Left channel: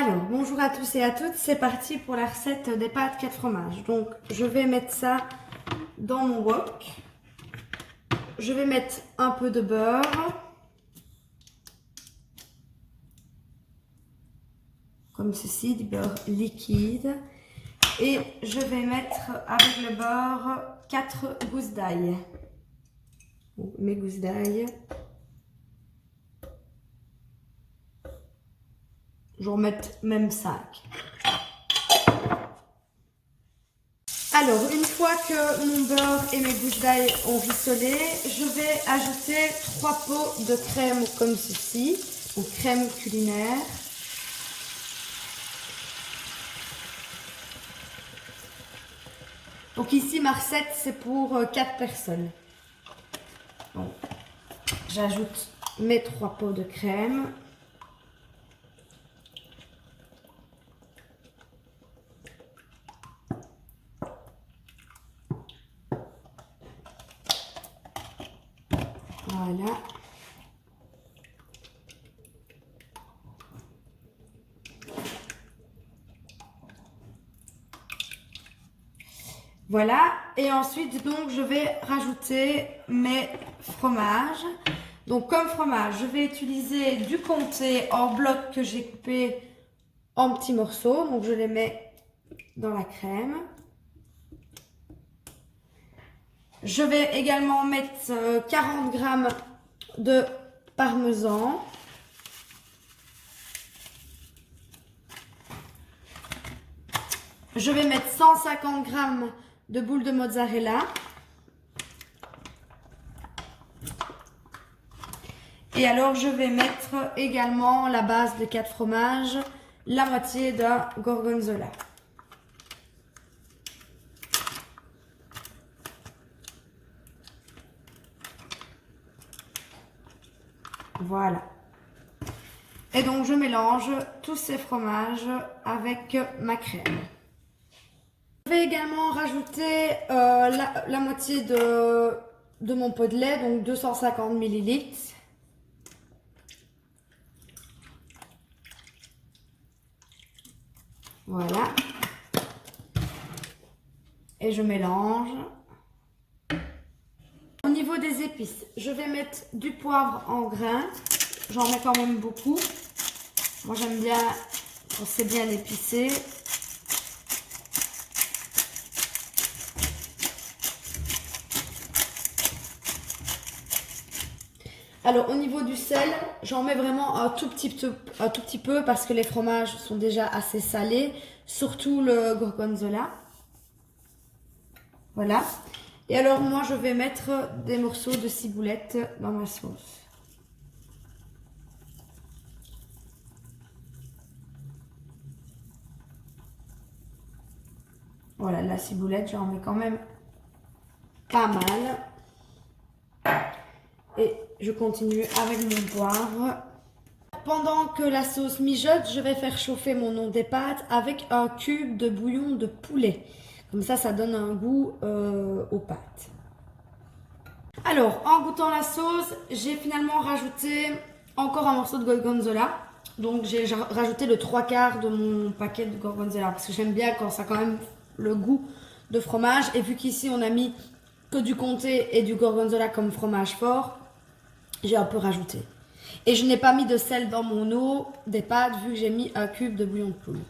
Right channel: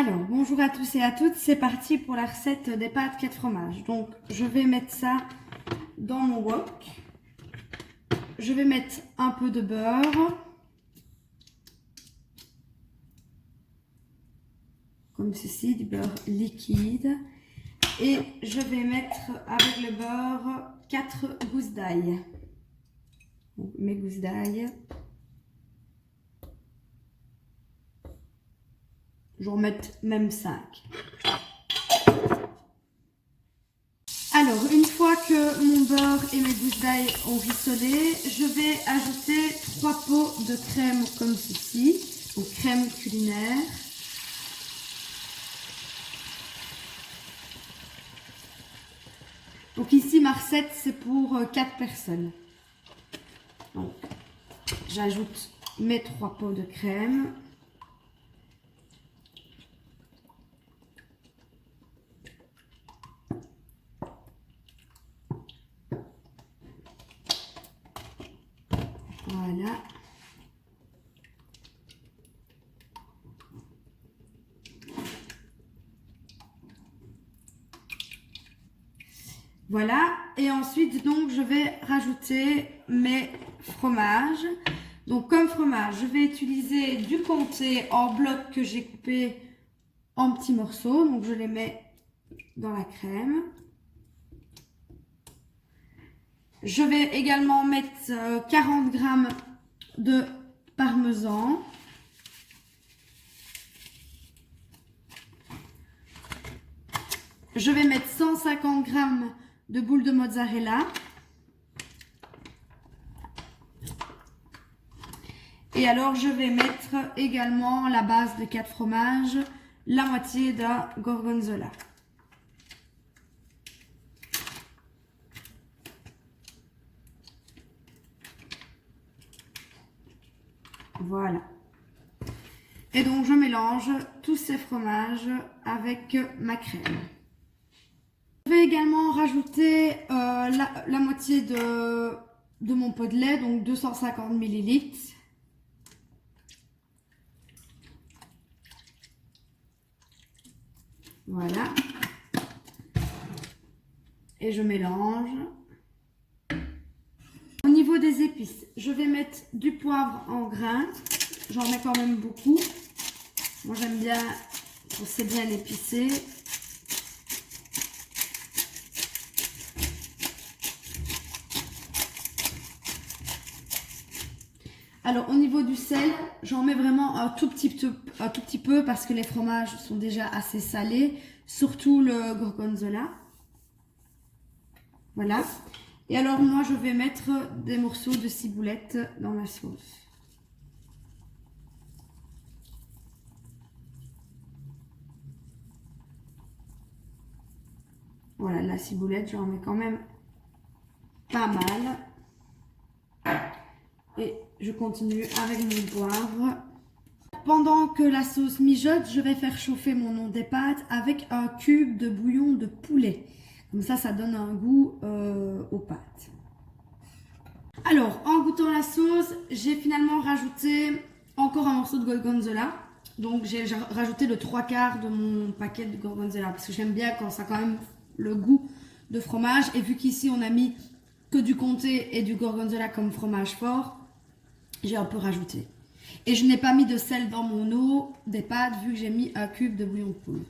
Alors, bonjour à tous et à toutes, c'est parti pour la recette des pâtes 4 fromages. Donc, je vais mettre ça dans mon wok. Je vais mettre un peu de beurre. Comme ceci, du beurre liquide. Et je vais mettre avec le beurre 4 gousses d'ail. Mes gousses d'ail. Je vais en mettre même 5. Alors, une fois que mon beurre et mes gousses d'ail ont rissolé, je vais ajouter 3 pots de crème comme ceci, donc crème culinaire. Donc ici, ma recette, c'est pour 4 personnes. Donc, j'ajoute mes 3 pots de crème. Voilà. Voilà. Et ensuite, donc, je vais rajouter mes fromages. Donc, comme fromage, je vais utiliser du comté en bloc que j'ai coupé en petits morceaux. Donc, je les mets dans la crème. Je vais également mettre 40 g de parmesan. Je vais mettre 150 g de boules de mozzarella. Et alors, je vais mettre également la base de 4 fromages, la moitié d'un gorgonzola. Voilà. Et donc, je mélange tous ces fromages avec ma crème. Je vais également rajouter la moitié de mon pot de lait, donc 250 ml. Voilà. Et je mélange. Au niveau des épices, je vais mettre du poivre en grains. J'en mets quand même beaucoup. Moi, j'aime bien quand c'est bien épicé. Alors, au niveau du sel, j'en mets vraiment un tout petit peu parce que les fromages sont déjà assez salés, surtout le gorgonzola. Voilà. Et alors, moi, je vais mettre des morceaux de ciboulette dans ma sauce. Voilà, la ciboulette, j'en mets quand même pas mal. Et je continue avec mon poivre. Pendant que la sauce mijote, je vais faire chauffer mon eau des pâtes avec un cube de bouillon de poulet. Comme ça donne un goût aux pâtes. Alors, en goûtant la sauce, j'ai finalement rajouté encore un morceau de gorgonzola. Donc, j'ai rajouté le 3/4 de mon paquet de gorgonzola. Parce que j'aime bien quand ça a quand même le goût de fromage. Et vu qu'ici, on a mis que du comté et du gorgonzola comme fromage fort, j'ai un peu rajouté. Et je n'ai pas mis de sel dans mon eau des pâtes vu que j'ai mis un cube de bouillon de poule.